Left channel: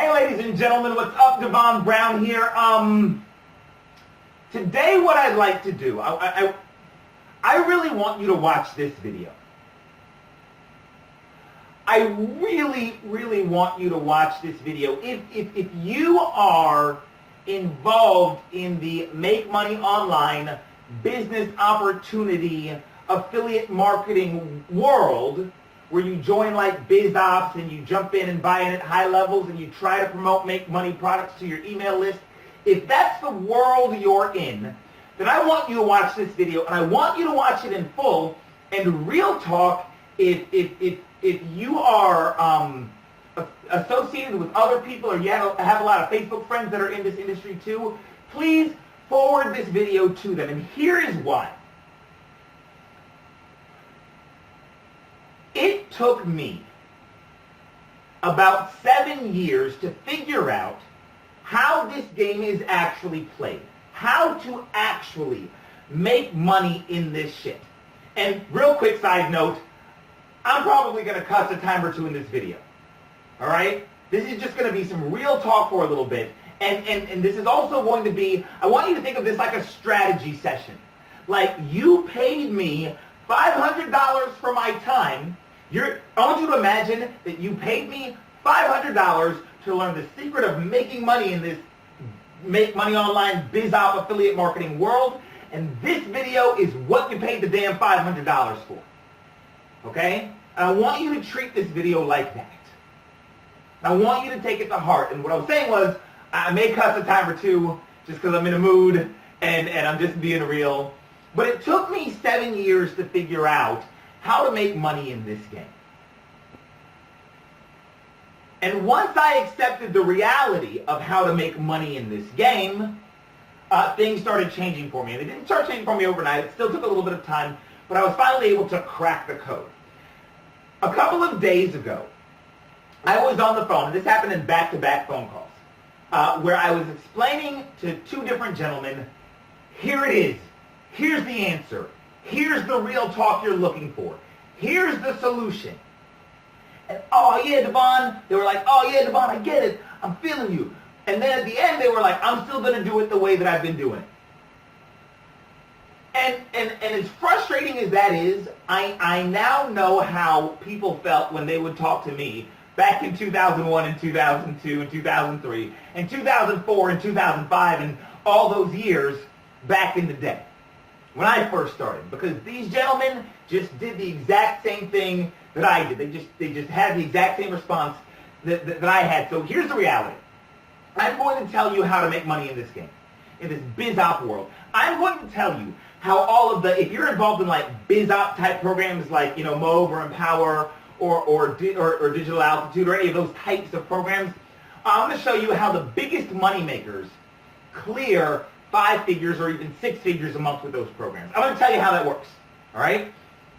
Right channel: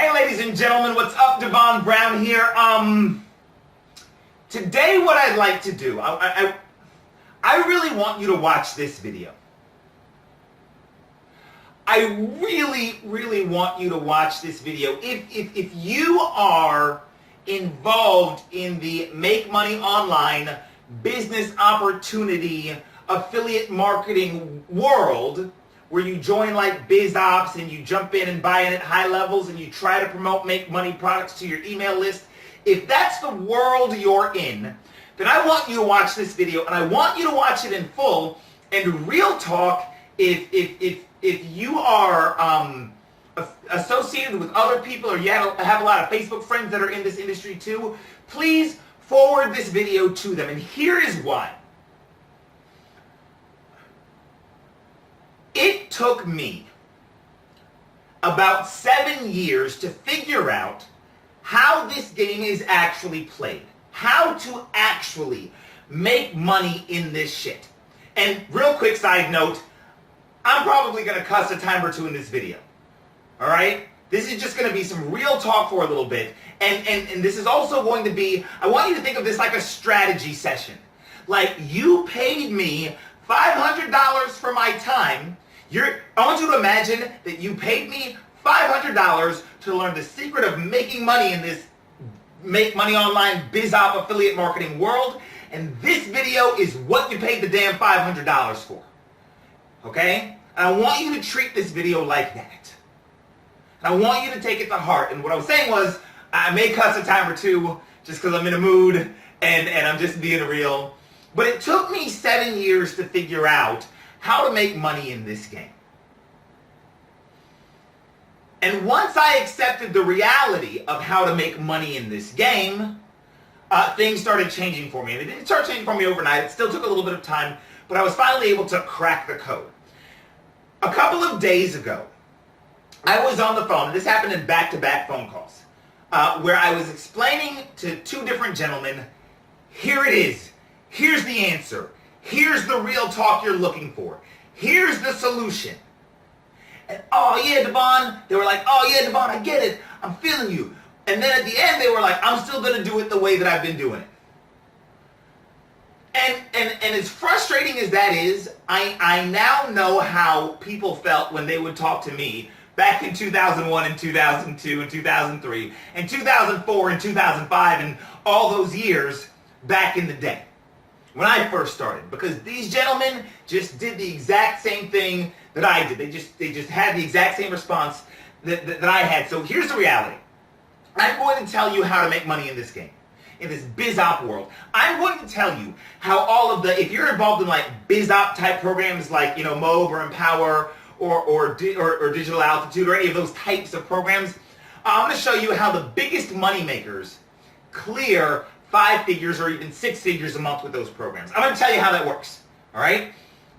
Hey ladies and gentlemen, what's up? Devon Brown here. Today what I'd like to do, I really want you to watch this video. I really want you to watch this video. If you are involved in the make money online business opportunity affiliate marketing world, where you join like BizOps and you jump in and buy in at high levels and you try to promote make money products to your email list, if that's the world you're in, then I want you to watch this video, and I want you to watch it in full. And real talk, if you are associated with other people, or you have a lot of Facebook friends that are in this industry too, please forward this video to them. And here is why. It took me about 7 years to figure out how this game is actually played, how to actually make money in this shit. And real quick side note, I'm probably going to cuss a time or two in this video. All right? This is just going to be some real talk for a little bit. And this is also going to be, I want you to think of this like a strategy session. Like, you paid me $500 for my time. I want you to imagine that you paid me $500 to learn the secret of making money in this make money online BizOps affiliate marketing world. And this video is what you paid the damn $500 for. Okay? And I want you to treat this video like that. And I want you to take it to heart. And what I was saying was, I may cuss a time or two just because I'm in a mood and I'm just being real. But it took me 7 years to figure out how to make money in this game. And once I accepted the reality of how to make money in this game, things started changing for me. And it didn't start changing for me overnight. It still took a little bit of time, but I was finally able to crack the code. A couple of days ago, I was on the phone, and this happened in back-to-back phone calls, where I was explaining to two different gentlemen, here it is. Here's the answer. Here's the real talk you're looking for. Here's the solution. And oh yeah, Devon, they were like, oh yeah, Devon, I get it. I'm feeling you. And then at the end, they were like, I'm still going to do it the way that I've been doing it. And as frustrating as that is, I now know how people felt when they would talk to me back in 2001 and 2002 and 2003 and 2004 and 2005 and all those years back in the day when I first started, because these gentlemen just did the exact same thing that I did. They just had the exact same response that I had. So here's the reality. I'm going to tell you how to make money in this game, in this BizOps world. I'm going to tell you how all of the, if you're involved in like BizOps type programs like, you know, Mob or Empower or Digital Altitude or any of those types of programs, I'm going to show you how the biggest money makers clear 5 figures or even 6 figures a month with those programs. I'm going to tell you how that works, all right?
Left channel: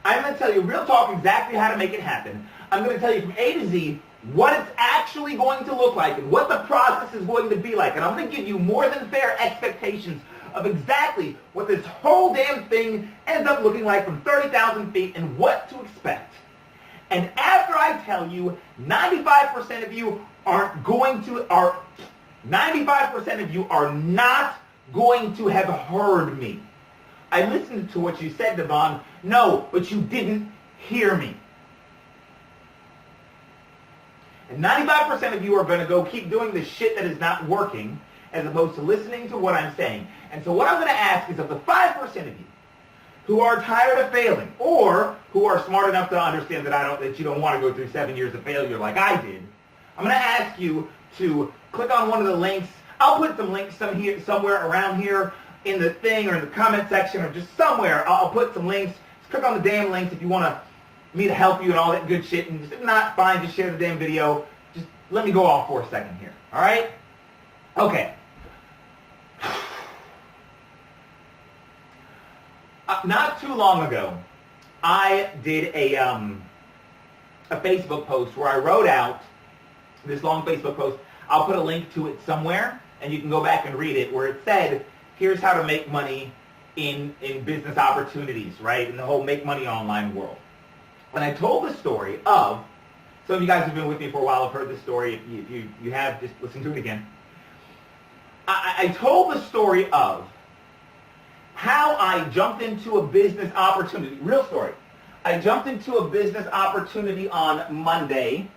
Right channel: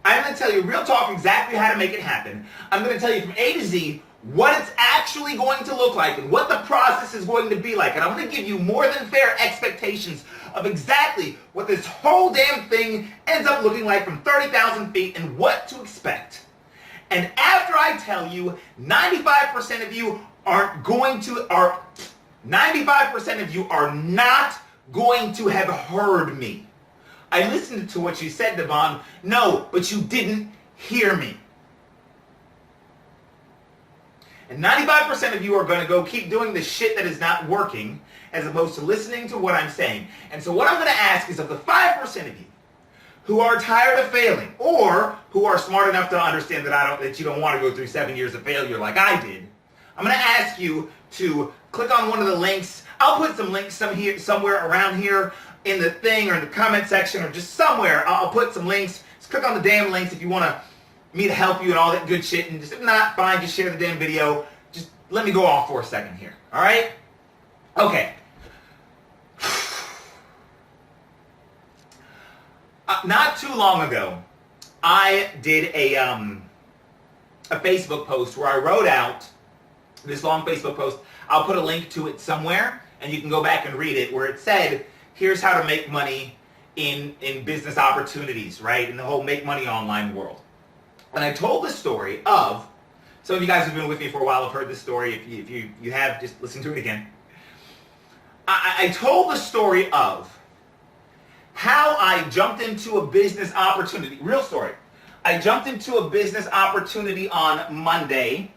I'm going to tell you real talk exactly how to make it happen. I'm going to tell you from A to Z what it's actually going to look like and what the process is going to be like. And I'm going to give you more than fair expectations of exactly what this whole damn thing ends up looking like from 30,000 feet and what to expect. And after I tell you, 95% of you aren't going to, 95% of you are not going to have heard me. I listened to what you said, Devon. No, but you didn't hear me. And 95% of you are going to go keep doing the shit that is not working as opposed to listening to what I'm saying. And so what I'm going to ask is, of the 5% of you who are tired of failing, or who are smart enough to understand that you don't want to go through 7 years of failure like I did, I'm going to ask you to click on one of the links. I'll put some links somewhere around here in the thing or in the comment section or just somewhere. I'll put some links. Just click on the damn links if you want me to help you and all that good shit. And just, if not, fine, just share the damn video. Just let me go off for a second here. All right? Okay. Not too long ago, I did a Facebook post where I wrote out this long Facebook post. I'll put a link to it somewhere, and you can go back and read it, where it said, here's how to make money in business opportunities, right? In the whole make money online world. And I told the story of Some of you guys who've been with me for a while have heard this story. If you have, just listen to it again. I told the story of how I jumped into a business opportunity. Real story. I jumped into a business opportunity on Monday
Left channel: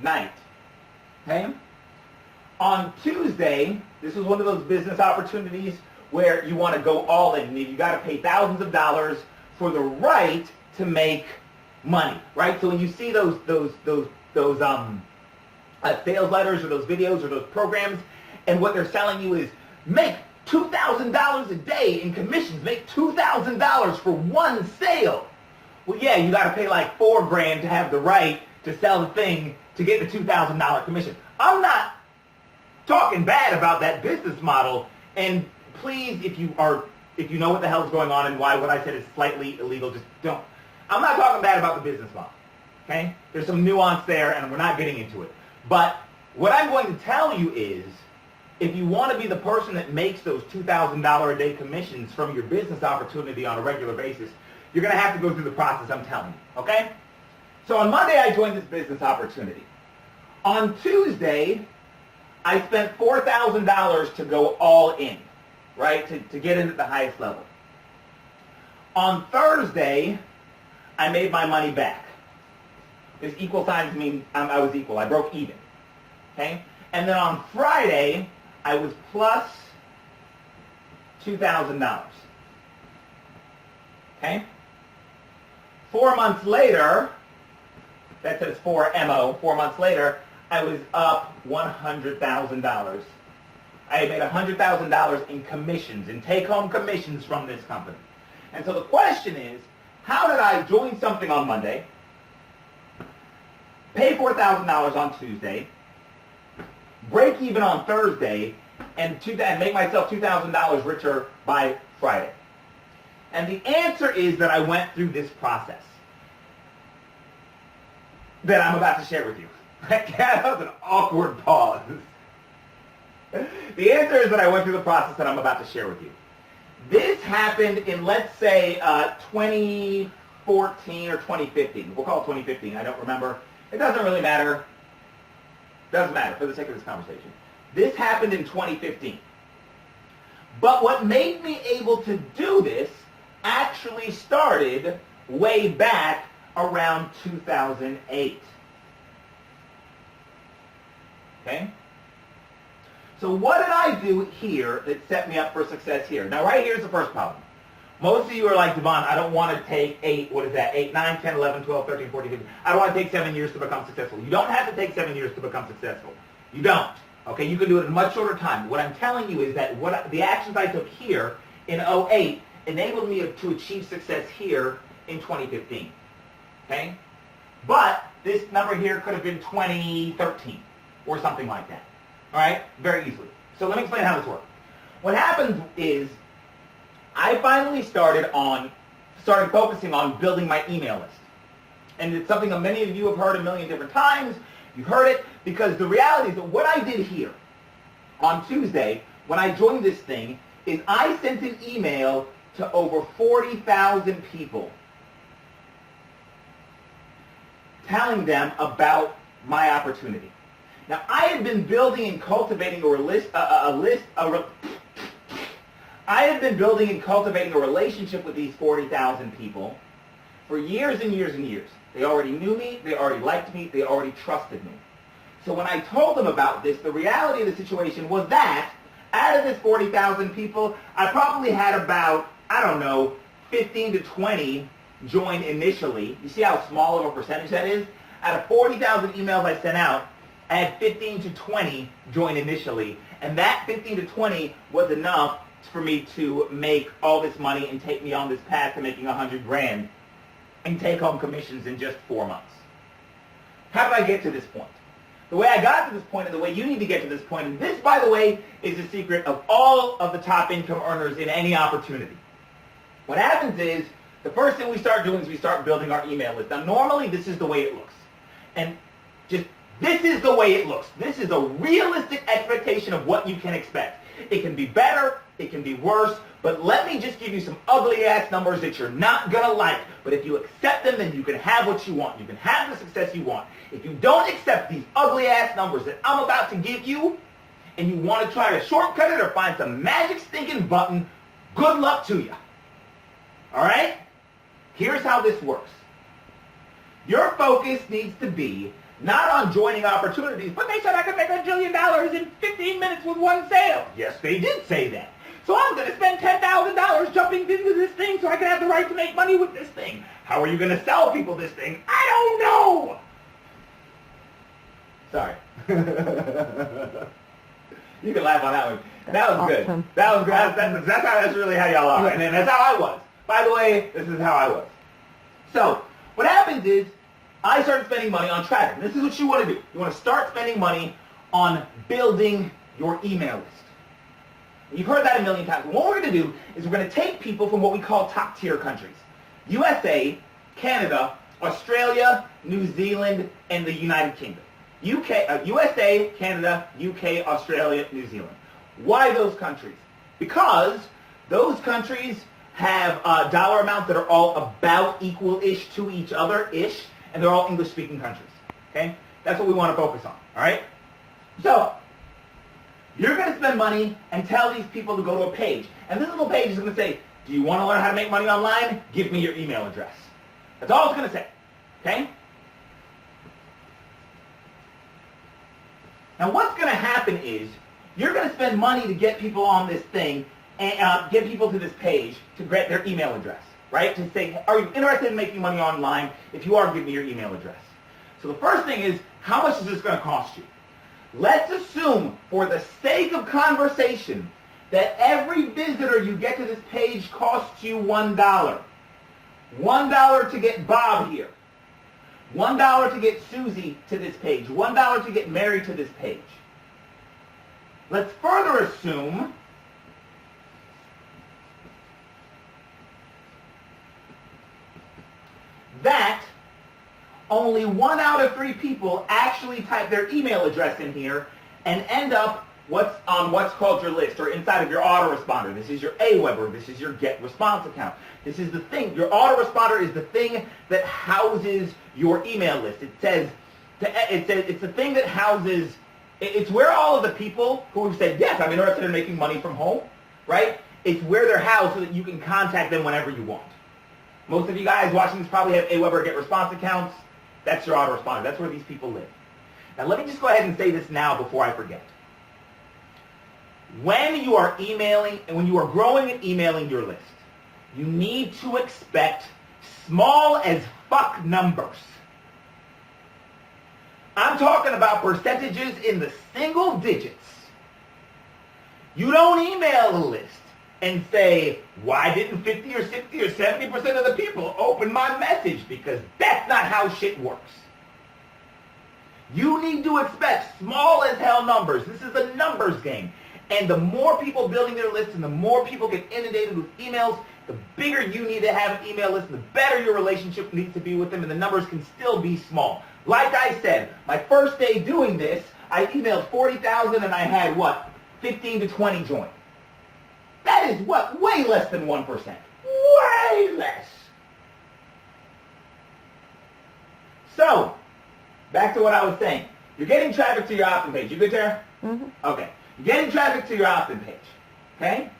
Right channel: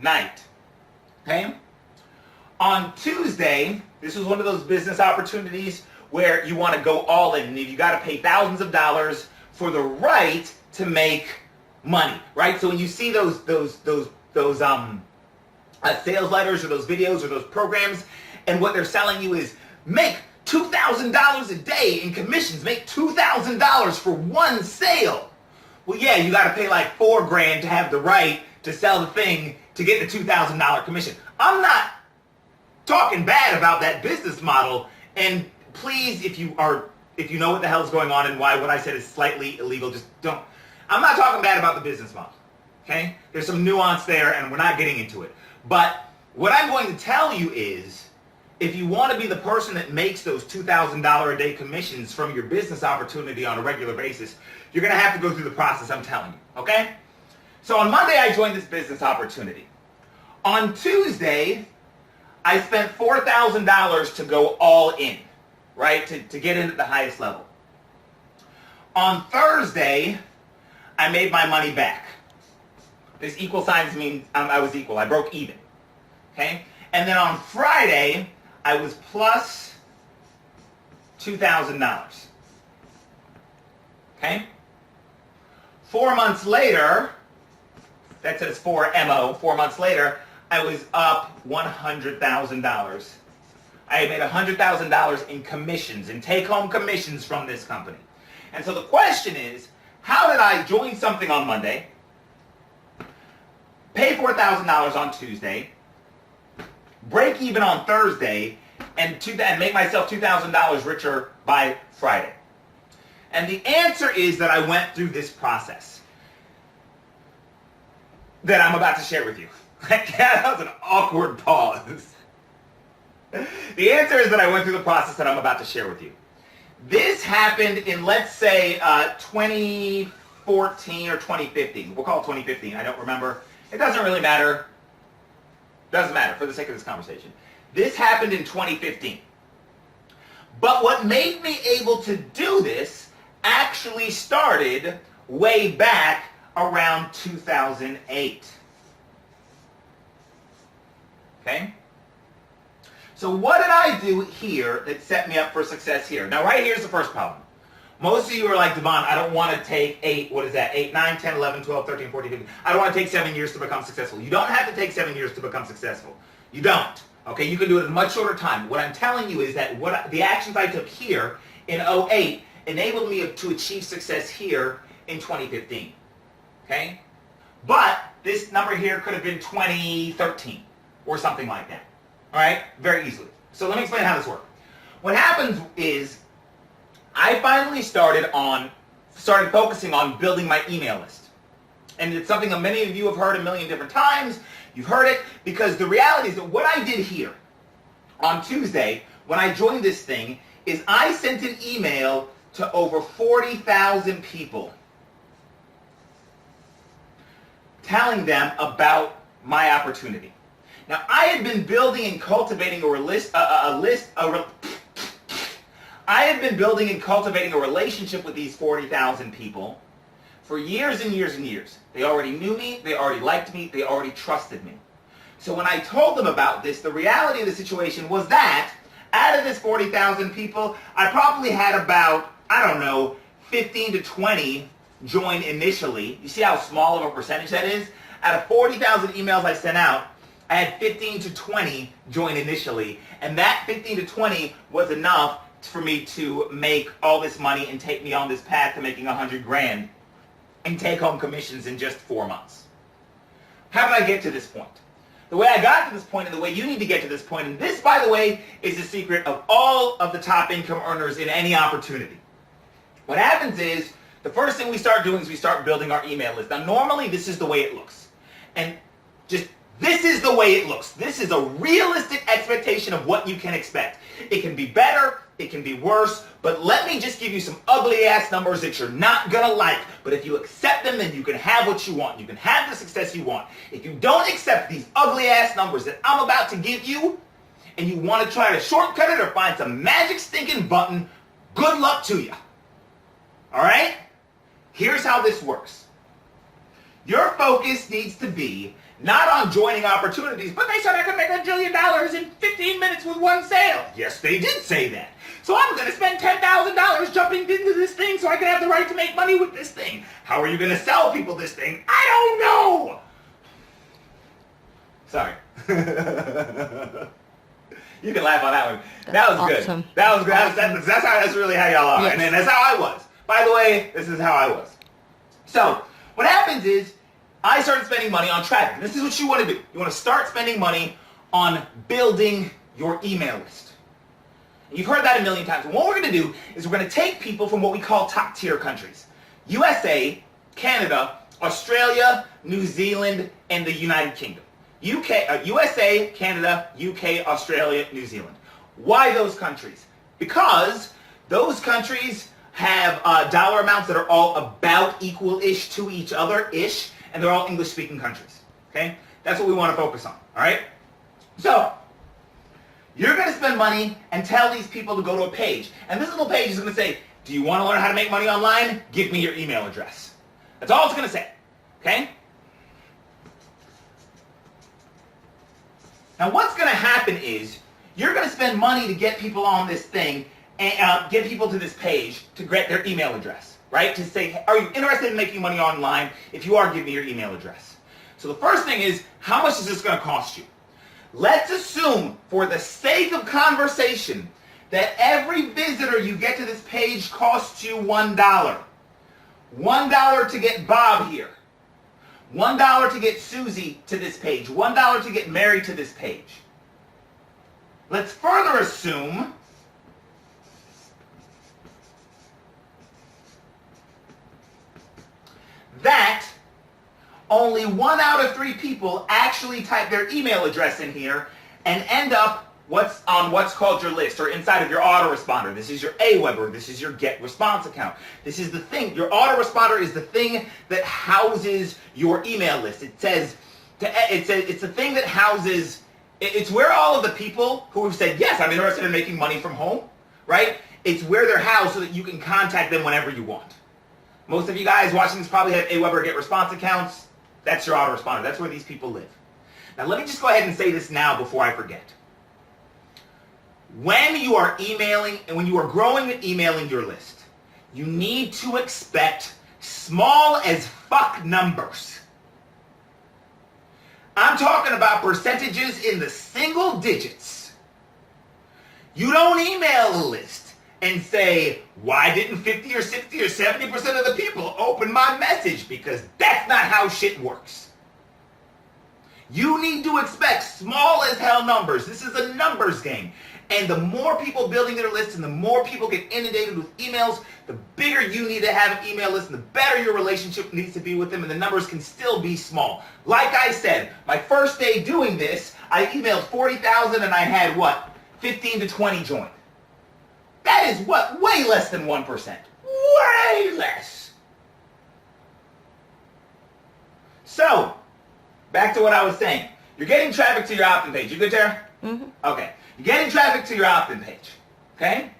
night. Okay? On Tuesday, this was one of those business opportunities where you want to go all in. You got to pay thousands of dollars for the right to make money, right? So when you see those sales letters or those videos or those programs, and what they're selling you is make $2,000 a day in commissions, make $2,000 for one sale. Well, yeah, you got to pay like $4,000 to have the right to sell the thing to get the $2,000 commission. I'm not talking bad about that business model, and please, if you know what the hell is going on and why what I said is slightly illegal, just don't. I'm not talking bad about the business model, okay? There's some nuance there, and we're not getting into it. But what I'm going to tell you is, if you want to be the person that makes those $2,000 a day commissions from your business opportunity on a regular basis, you're going to have to go through the process I'm telling you, okay? So on Monday, I joined this business opportunity. On Tuesday, I spent $4,000 to go all in, right, to get in at the highest level. On Thursday, I made my money back. This equal signs mean I was equal. I broke even, okay? And then on Friday, I was plus $2,000, okay? 4 months later, that says 4MO, 4 months later, I was up $100,000. I had made $100,000 in commissions, in take-home commissions from this company. And so the question is, how did I join something on Monday, pay $4,000 on Tuesday, break even on Thursday, and make myself $2,000 richer by Friday? And the answer is that I went through this process that I'm about to share with you. That was an awkward pause. The answer is that I went through the process that I'm about to share with you. This happened in, let's say, 2014 or 2015. We'll call it 2015. I don't remember. It doesn't really matter. Doesn't matter for the sake of this conversation. This happened in 2015. But what made me able to do this actually started way back around 2008. Okay? So what did I do here that set me up for success here? Now right here's the first problem. Most of you are like, Devon, I don't want to take 8, 9, 10, 11, 12, 13, 14, 15. I don't want to take 7 years to become successful. You don't have to take 7 years to become successful. You don't. Okay, you can do it in a much shorter time. What I'm telling you is that the actions I took here in 2008 enabled me to achieve success here in 2015. Okay? But this number here could have been 2013 or something like that. All right? Very easily. So let me explain how this works. What happens is I finally started focusing on building my email list. And it's something that many of you have heard a million different times. You've heard it because the reality is that what I did here on Tuesday when I joined this thing is I sent an email to over 40,000 people telling them about my opportunity. Now, I had been building and cultivating a relationship with these 40,000 people for years and years and years. They already knew me, they already liked me, they already trusted me. So when I told them about this, the reality of the situation was that out of this 40,000 people, I probably had about, 15 to 20 join initially. You see how small of a percentage that is? Out of 40,000 emails I sent out, I had 15 to 20 join initially. And that 15 to 20 was enough for me to make all this money and take me on this path to making $100,000 and take home commissions in just 4 months. How did I get to this point? The way I got to this point and the way you need to get to this point, and this, by the way, is the secret of all of the top income earners in any opportunity. What happens is, the first thing we start doing is we start building our email list. Now, normally, this is the way it looks. And just This is the way it looks. This is a realistic expectation of what you can expect. It can be better, it can be worse, but let me just give you some ugly ass numbers that you're not gonna like. But if you accept them, then you can have what you want. You can have the success you want. If you don't accept these ugly ass numbers that I'm about to give you, and you want to try to shortcut it or find some magic stinking button, good luck to you. All right? Here's how this works. Your focus needs to be not on joining opportunities, but they said I could make $1 trillion in 15 minutes with one sale. Yes, they did say that. So I'm going to spend $10,000 jumping into this thing so I can have the right to make money with this thing. How are you going to sell people this thing? I don't know. Sorry. You can laugh on that one. That was awesome. Good. That was good. That's really how y'all are. Yes. And that's how I was. By the way, this is how I was. So what happens is I started spending money on traffic. This is what you want to do. You want to start spending money on building your email list. You've heard that a million times. And what we're going to do is we're going to take people from what we call top tier countries. USA, Canada, Australia, New Zealand, and the United Kingdom. USA, Canada, UK, Australia, New Zealand. Why those countries? Because those countries have dollar amounts that are all about equal-ish to each other-ish, and they're all English-speaking countries. Okay? That's what we want to focus on. All right? So, you're going to spend money and tell these people to go to a page. And this little page is going to say, do you want to learn how to make money online? Give me your email address. That's all it's going to say. Okay? Now what's going to happen is you're going to spend money to get people on this thing and get people to this page to get their email address, right? To say, are you interested in making money online? If you are, give me your email address. So the first thing is, how much is this going to cost you? Let's assume, for the sake of conversation, that every visitor you get to this page costs you $1. $1 to get Bob here. $1 to get Susie to this page. $1 to get Mary to this page. Let's further assume that only 1 out of 3 people actually type their email address in here and end up what's called your list or inside of your autoresponder. This is your Aweber. This is your get response account. This is the thing. Your autoresponder is the thing that houses your email list. It's the thing that houses. It's where all of the people who have said yes, I'm interested in making money from home, right? It's where they're housed so that you can contact them whenever you want. Most of you guys watching this probably have Aweber get response accounts. That's your autoresponder. That's where these people live. Now let me just go ahead and say this now before I forget. When you are emailing and when you are growing and emailing your list, you need to expect small as fuck numbers. I'm talking about percentages in the single digits. You don't email a list and say, why didn't 50 or 60 or 70% of the people open my message? Because that's not how shit works. You need to expect small as hell numbers. This is a numbers game. And the more people building their lists and the more people get inundated with emails, the bigger you need to have an email list and the better your relationship needs to be with them, and the numbers can still be small. Like I said, my first day doing this, I emailed 40,000 and I had what? 15 to 20 join. That is what? Way less than 1%. Way less. So, back to what I was saying. You're getting traffic to your opt-in page. You good, Tara? Mm-hmm. Okay. You're getting traffic to your opt-in page. Okay?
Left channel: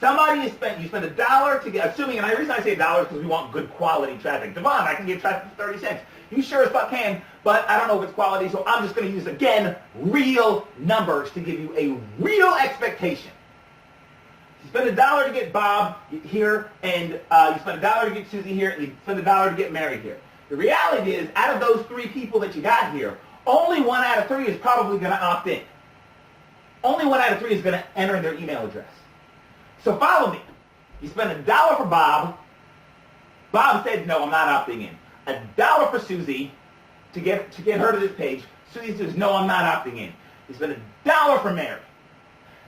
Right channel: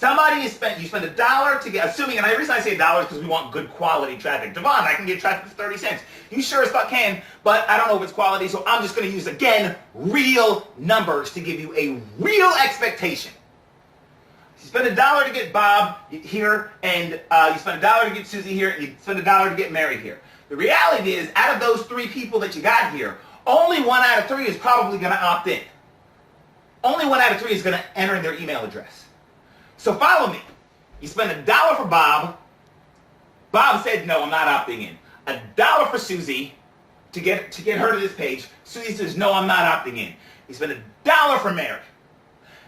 You spend $1 to get, assuming, and the reason I say $1 is because we want good quality traffic. Devon, I can get traffic for 30 cents. You sure as fuck can, but I don't know if it's quality, so I'm just going to use, again, real numbers to give you a real expectation. You spend $1 to get Bob here, and you spend $1 to get Susie here, and you spend $1 to get Mary here. The reality is, out of those 3 people that you got here, only 1 out of 3 is probably going to opt in. Only 1 out of 3 is going to enter in their email address. So follow me. You spend $1 for Bob. Bob said, no, I'm not opting in. $1 for Susie to get her to this page. Susie says, no, I'm not opting in. You spend $1 for Mary.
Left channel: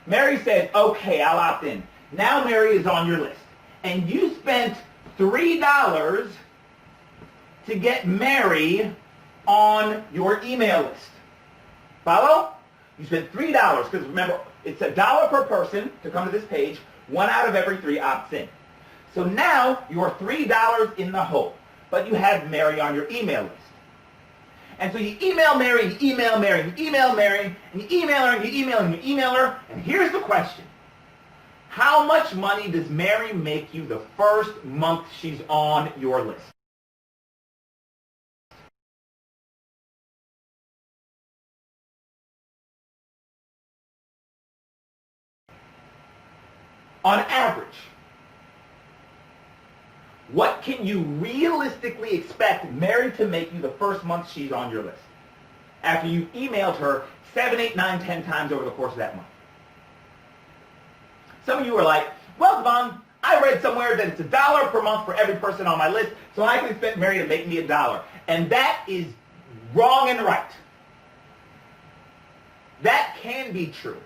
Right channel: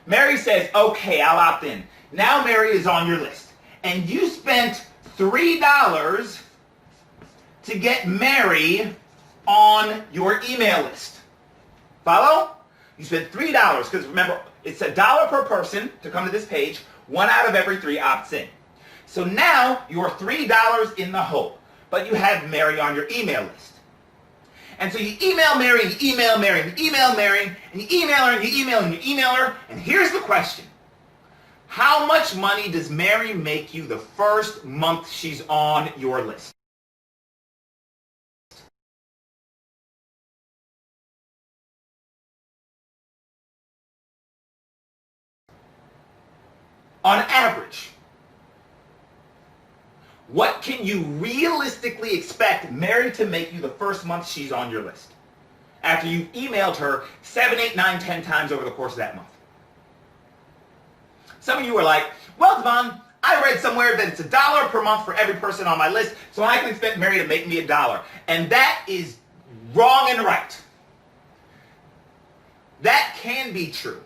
Mary says, okay, I'll opt in. Now Mary is on your list. And you spent $3 to get Mary on your email list. Follow? You spend $3, because remember, it's $1 per person to come to this page. 1 out of every 3 opts in. So now you're $3 in the hole, but you have Mary on your email list. And so you email Mary, and you email Mary, and you email Mary, and you email her, and you email her, and you email her. And here's the question. How much money does Mary make you the first month she's on your list? On average, what can you realistically expect Mary to make you the first month she's on your list? After you've emailed her 7, 8, 9, 10 times over the course of that month. Some of you are like, well, Devon, I read somewhere that it's $1 per month for every person on my list, so I can expect Mary to make me $1. And that is wrong and right. That can be true,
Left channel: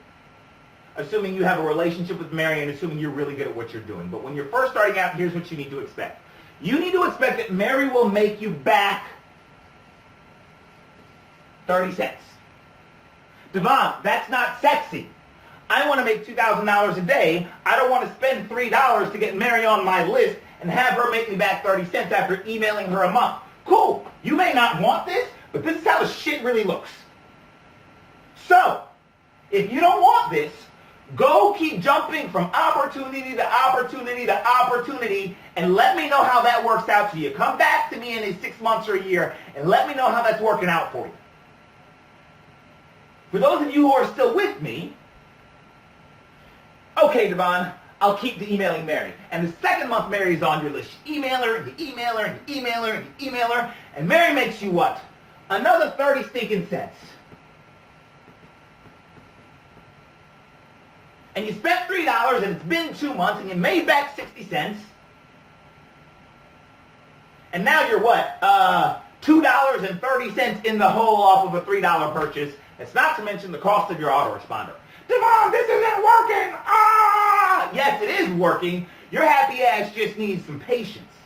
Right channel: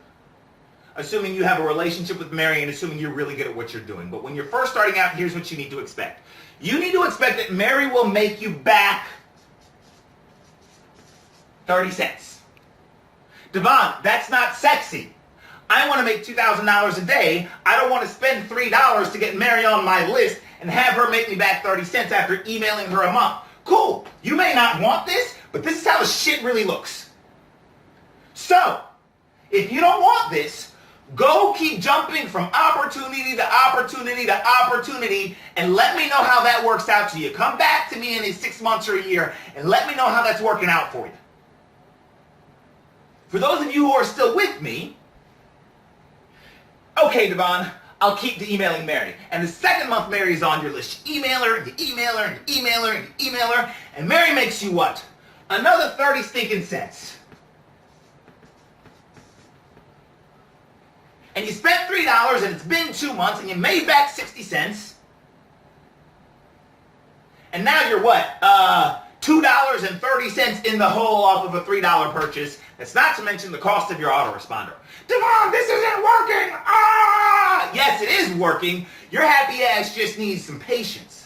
assuming you have a relationship with Mary and assuming you're really good at what you're doing. But when you're first starting out, here's what you need to expect. You need to expect that Mary will make you back 30 cents. Devon, that's not sexy. I want to make $2,000 a day. I don't want to spend $3 to get Mary on my list and have her make me back 30 cents after emailing her a month. Cool. You may not want this, but this is how the shit really looks. So, if you don't want this, go keep jumping from opportunity to opportunity to opportunity and let me know how that works out to you. Come back to me in 6 months or a year and let me know how that's working out for you. For those of you who are still with me, okay, Devon, I'll keep the emailing Mary. And the second month Mary is on your list. You email her, and you email her, and you email her, and you email her, and Mary makes you what? Another 30 stinking cents. And you spent $3 and it's been 2 months and you made back 60 cents. And now you're what? $2.30 in the hole off of a $3 purchase. That's not to mention the cost of your autoresponder. Devon, this isn't working! Ah! Yes, it is working. Your happy ass just needs some patience.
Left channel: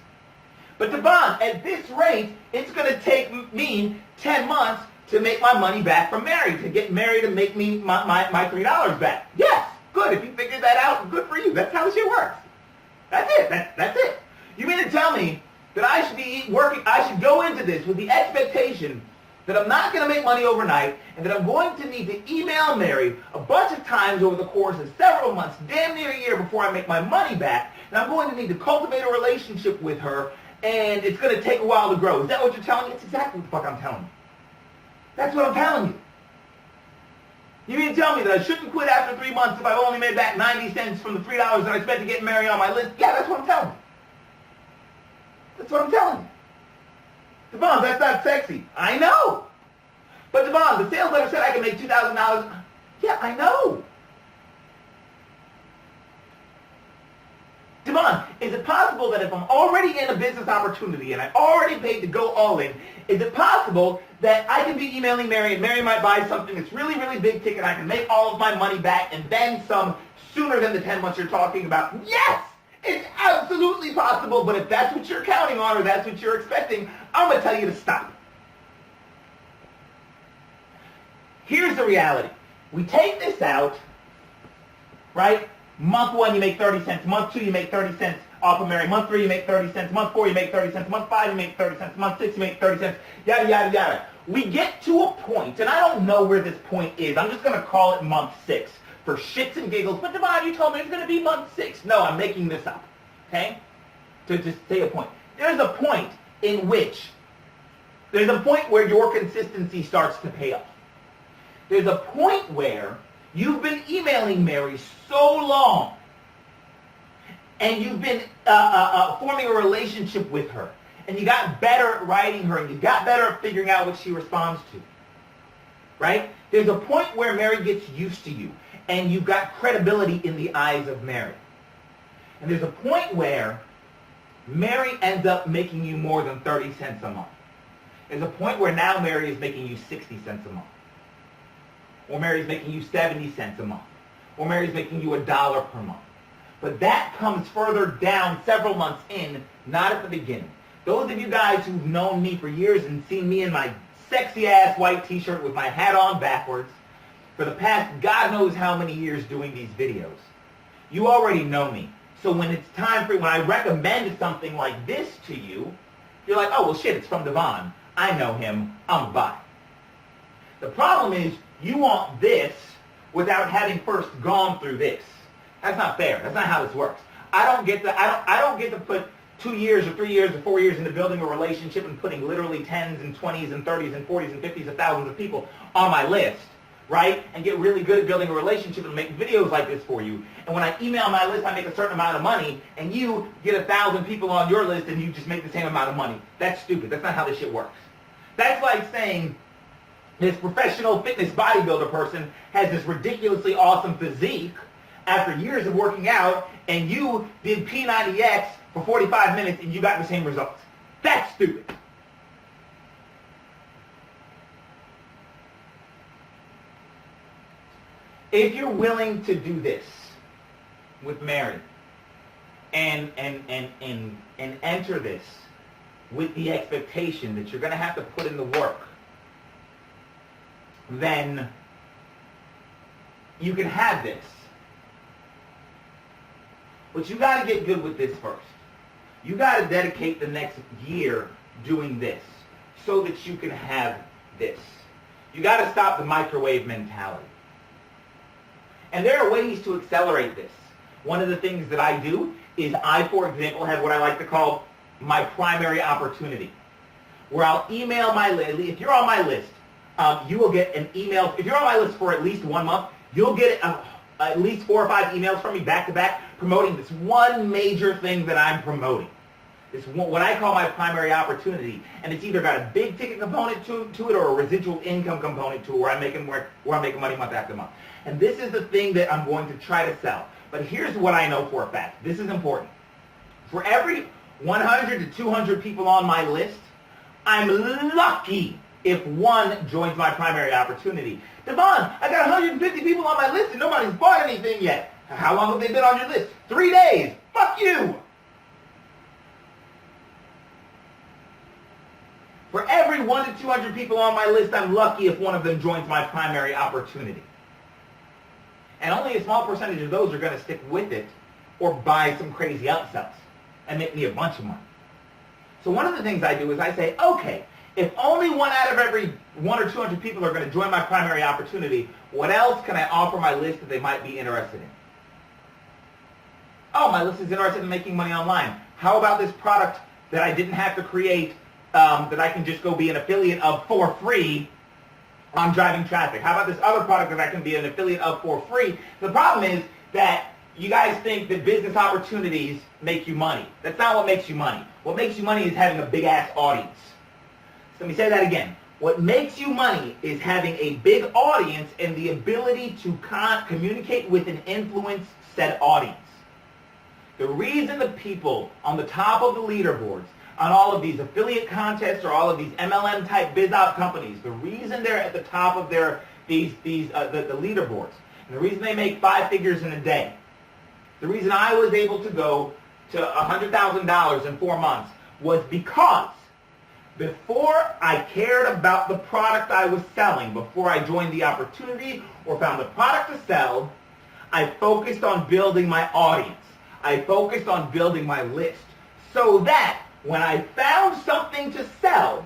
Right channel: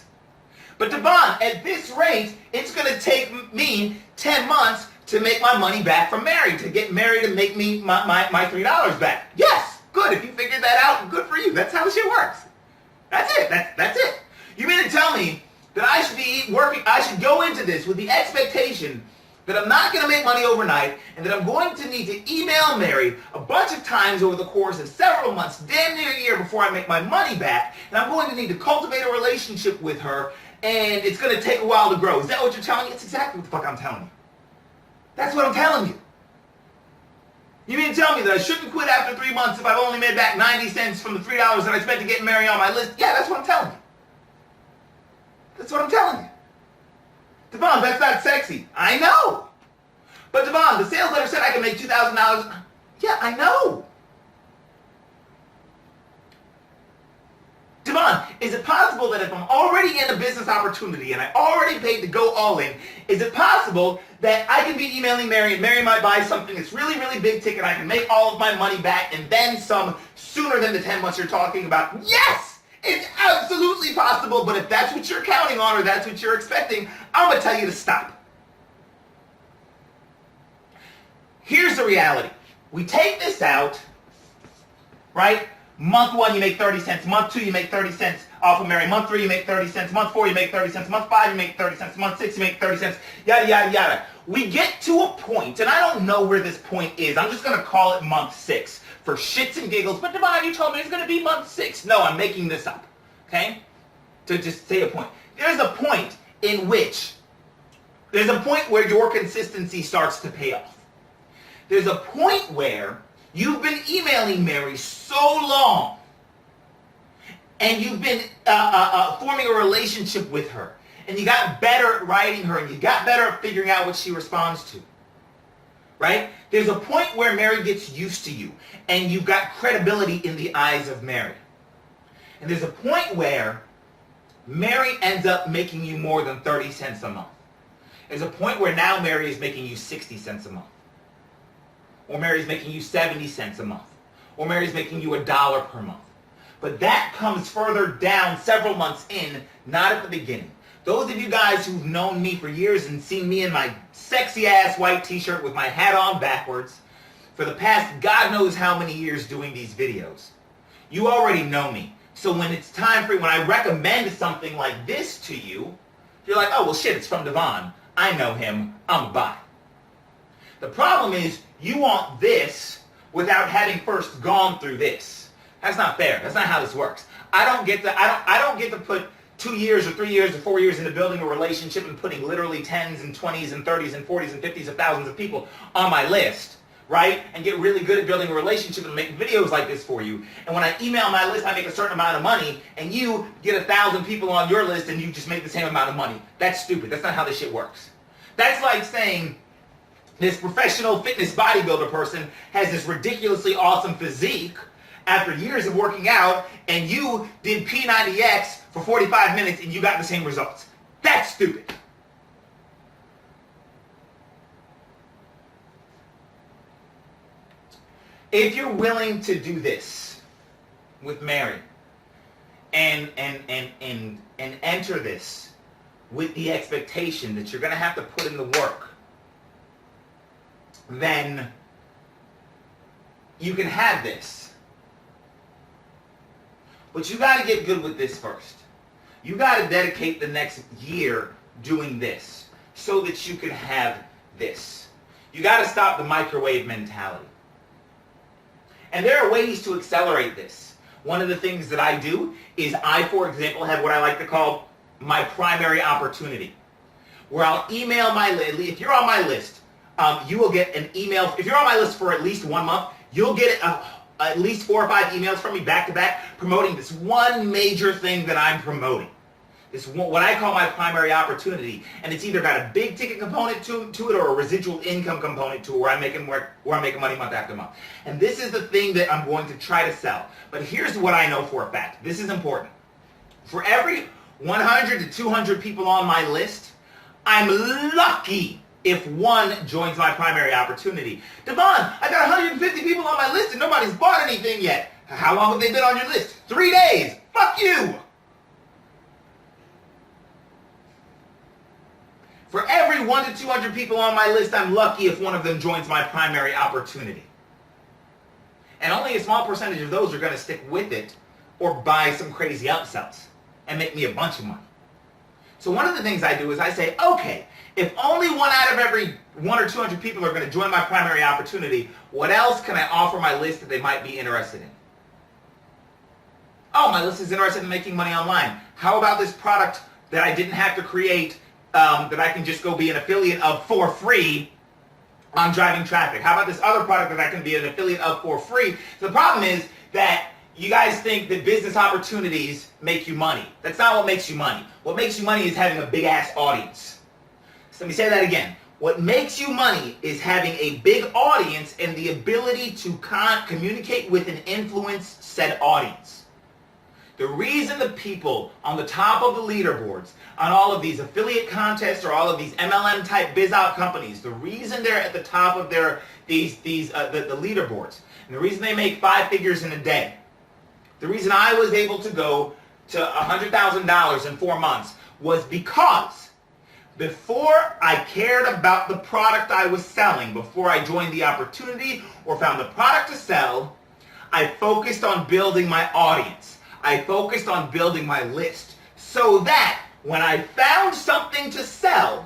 But Devon, at this rate, it's going to take me 10 months to make my money back from Mary, to get Mary to make me my $3 back. Yes, good. If you figured that out, good for you. That's how the shit works. That's it. That's it. You mean to tell me that I should be working, I should go into this with the expectation that I'm not going to make money overnight and that I'm going to need to email Mary a bunch of times over the course of several months, damn near a year before I make my money back, and I'm going to need to cultivate a relationship with her, and it's going to take a while to grow. Is that what you're telling me? That's exactly what the fuck I'm telling you. That's what I'm telling you. You mean to tell me that I shouldn't quit after 3 months if I've only made back 90 cents from the $3 that I spent to get Mary on my list? Yeah, that's what I'm telling you. That's what I'm telling you. Devon, that's not sexy. I know. But Devon, the sales letter said I can make $2,000. Yeah, I know. Devon, is it possible that if I'm already in a business opportunity and I already paid to go all in, is it possible that I can be emailing Mary and Mary might buy something that's really, really big ticket, I can make all of my money back and then some sooner than the 10 months you're talking about? Yes! It's absolutely possible, but if that's what you're counting on or that's what you're expecting, I'm going to tell you to stop. Here's the reality. We take this out, right? Month 1, you make 30 cents. Month 2, you make 30 cents off of Mary. Month 3, you make 30 cents. Month 4, you make 30 cents. Month 5, you make 30 cents. Month 6, you make 30 cents. Yada, yada, yada. We get to a point, and I don't know where this point is. I'm just going to call it month 6 for shits and giggles. But Devon, you told me it's going to be month 6. No, I'm making this up, okay? To just say a point. There's a point in which, there's a point where your consistency starts to pay off. There's a point where you've been emailing Mary so long, and you've been forming a relationship with her, and you got better at writing her, and you got better at figuring out what she responds to, right? There's a point where Mary gets used to you, and you've got credibility in the eyes of Mary. And there's a point where Mary ends up making you more than 30 cents a month. There's a point where now Mary is making you 60 cents a month. Or Mary's making you 70 cents a month. Or Mary's making you $1 per month. But that comes further down several months in, not at the beginning. Those of you guys who've known me for years and seen me in my sexy ass white t-shirt with my hat on backwards for the past God knows how many years doing these videos. You already know me. So when it's time for, when I recommend something like this to you, you're like, oh, well shit, it's from Devon. I know him, I'm buy. The problem is you want this without having first gone through this. That's not fair. That's not how this works. I don't get to put 2 years or 3 years or 4 years into building a relationship and putting literally 10s and 20s and 30s and 40s and 50s of thousands of people on my list, right? And get really good at building a relationship and make videos like this for you. And when I email my list, I make a certain amount of money, and you get 1,000 people on your list and you just make the same amount of money. That's stupid. That's not how this shit works. That's like saying this professional fitness bodybuilder person has this ridiculously awesome physique after years of working out, and you did P90X for 45 minutes and you got the same results. That's stupid. If you're willing to do this with Mary and enter this with the expectation that you're going to have to put in the work, then you can have this. But you got to get good with this first. You got to dedicate the next year doing this so that you can have this. You got to stop the microwave mentality. And there are ways to accelerate this. One of the things that I do is I, for example, have what I like to call my primary opportunity, where I'll email my list. If you're on my list, you will get an email. If you're on my list for at least 1 month, you'll get at least 4 or 5 emails from me back to back promoting this one major thing that I'm promoting. This one, what I call my primary opportunity, and it's either got a big ticket component to it or a residual income component to it, where I'm making money month after month. And this is the thing that I'm going to try to sell. But here's what I know for a fact. This is important. For every 100 to 200 people on my list, I'm lucky if one joins my primary opportunity. Devon, I got 150 people on my list and nobody's bought anything yet. How long have they been on your list? 3 days. Fuck you. For every 100 to 200 people on my list, I'm lucky if one of them joins my primary opportunity. And only a small percentage of those are going to stick with it or buy some crazy upsells and make me a bunch of money. So one of the things I do is I say, okay, if only 1 out of every 100 or 200 people are going to join my primary opportunity, what else can I offer my list that they might be interested in? Oh, my list is interested in making money online. How about this product that I didn't have to create, that I can just go be an affiliate of for free on driving traffic? How about this other product that I can be an affiliate of for free? So the problem is that you guys think that business opportunities make you money. That's not what makes you money. What makes you money is having a big ass audience. So let me say that again. What makes you money is having a big audience and the ability to communicate with and influence said audience. The reason the people on the top of the leaderboards on all of these affiliate contests or all of these MLM type biz out companies, the reason they're at the top of the leaderboards, and the reason they make 5 figures in a day, the reason I was able to go to $100,000 in 4 months was because before I cared about the product I was selling, before I joined the opportunity or found the product to sell, I focused on building my audience. I focused on building my list so that when I found something to sell,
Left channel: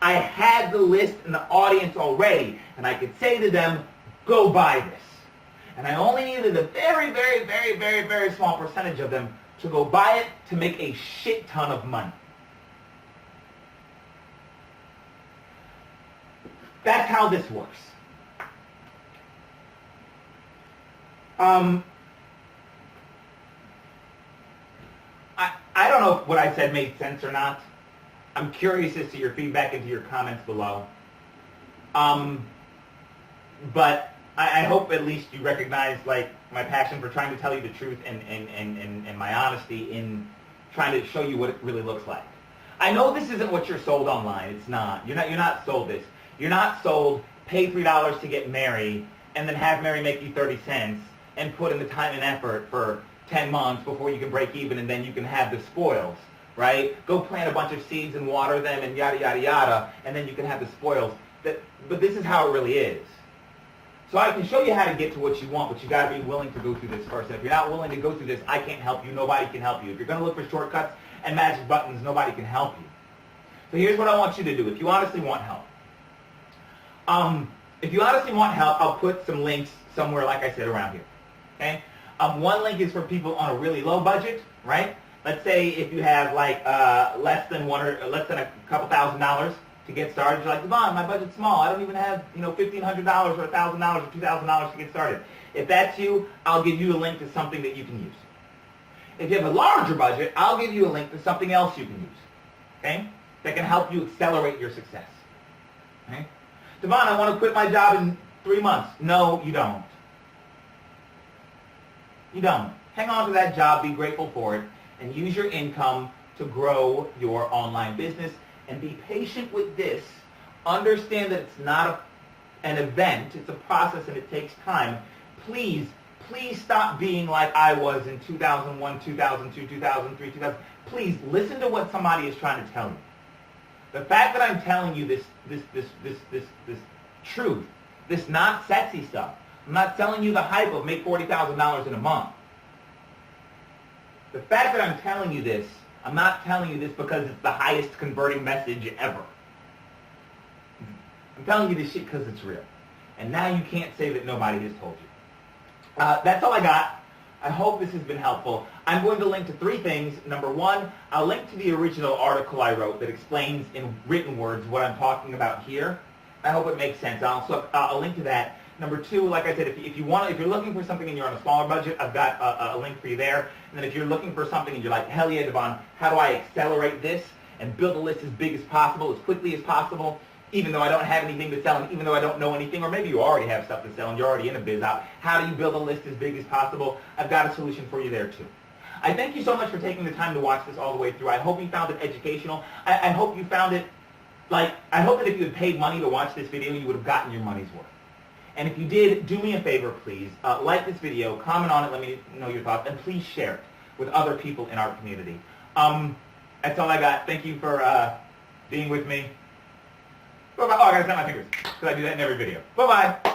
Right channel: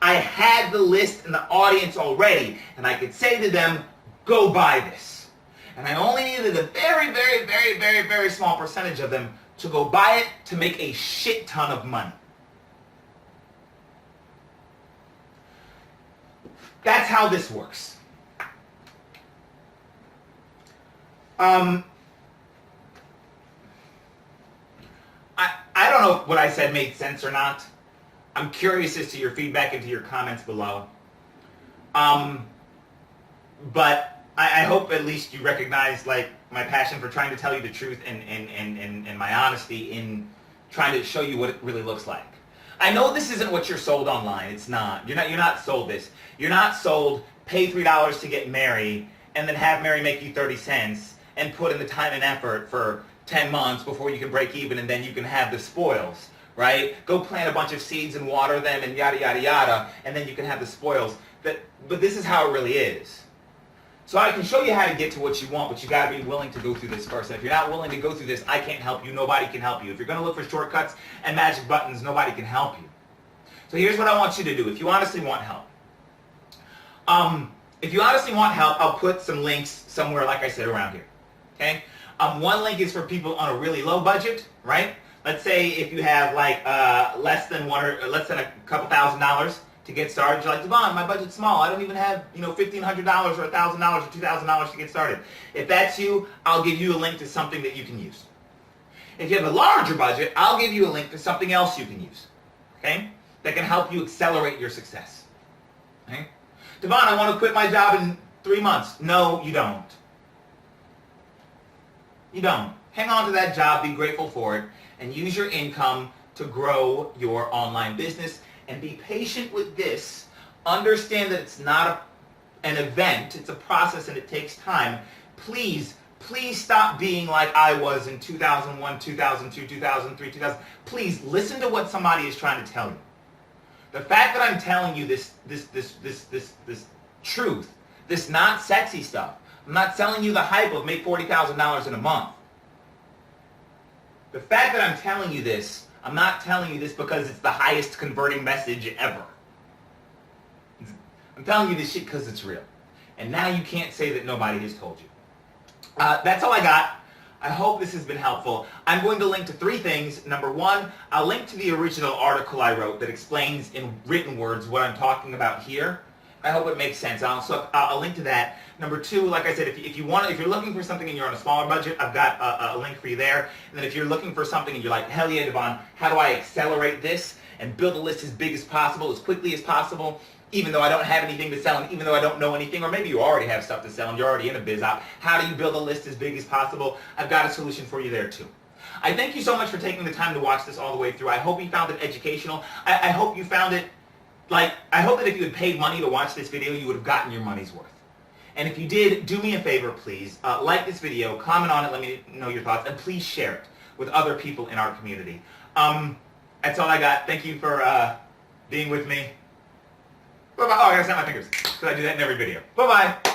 I had the list and the audience already, and I could say to them, go buy this. And I only needed a very, very, very, very, very small percentage of them to go buy it to make a shit ton of money. That's how this works. I don't know if what I said made sense or not. I'm curious as to your feedback and to your comments below. But I hope at least you recognize like my passion for trying to tell you the truth and my honesty in trying to show you what it really looks like. I know this isn't what you're sold online. It's not. You're not sold this. You're not sold pay $3 to get Mary and then have Mary make you 30 cents and put in the time and effort for 10 months before you can break even and then you can have the spoils, right? Go plant a bunch of seeds and water them and yada, yada, yada, and then you can have the spoils. But this is how it really is. So I can show you how to get to what you want, but you got to be willing to go through this first. And if you're not willing to go through this, I can't help you. Nobody can help you. If you're going to look for shortcuts and magic buttons, nobody can help you. So here's what I want you to do if you honestly want help. If you honestly want help, I'll put some links somewhere, like I said, around here. Okay? One link is for people on a really low budget, right? Let's say if you have like less than a couple $1,000s to get started. You're like, Devon, my budget's small. I don't even have, $1,500 or $1,000 or $2,000 to get started. If that's you, I'll give you a link to something that you can use. If you have a larger budget, I'll give you a link to something else you can use. Okay? That can help you accelerate your success. Okay? Devon, I want to quit my job in 3 months. No, you don't. You don't. Hang on to that job, be grateful for it, and use your income to grow your online business. And be patient with this. Understand that it's not an event, it's a process and it takes time. Please stop being like I was in 2001, 2002, 2003, 2000. Please listen to what somebody is trying to tell you. The fact that I'm telling you this truth, this not sexy stuff. I'm not selling you the hype of make $40,000 in a month. The fact that I'm telling you this, I'm not telling you this because it's the highest converting message ever. I'm telling you this shit because it's real. And now you can't say that nobody has told you. That's all I got. I hope this has been helpful. I'm going to link to 3 things. Number 1, I'll link to the original article I wrote that explains in written words what I'm talking about here. I hope it makes sense. I'll link to that. Number 2, like I said, if you're looking for something and you're on a smaller budget, I've got a link for you there. And then if you're looking for something and you're like, hell yeah, Devon, how do I accelerate this and build a list as big as possible, as quickly as possible, even though I don't have anything to sell and even though I don't know anything, or maybe you already have stuff to sell and you're already in a biz op, how do you build a list as big as possible? I've got a solution for you there too. I thank you so much for taking the time to watch this all the way through. I hope you found it educational. I hope you found it, I hope that if you had paid money to watch this video, you would have gotten your money's worth. And if you did, do me a favor, please. Like this video, comment on it, let me know your thoughts, and please share it with other people in our community. That's all I got. Thank you for being with me. Bye-bye. Oh, I gotta snap my fingers, because I do that in every video. Bye-bye.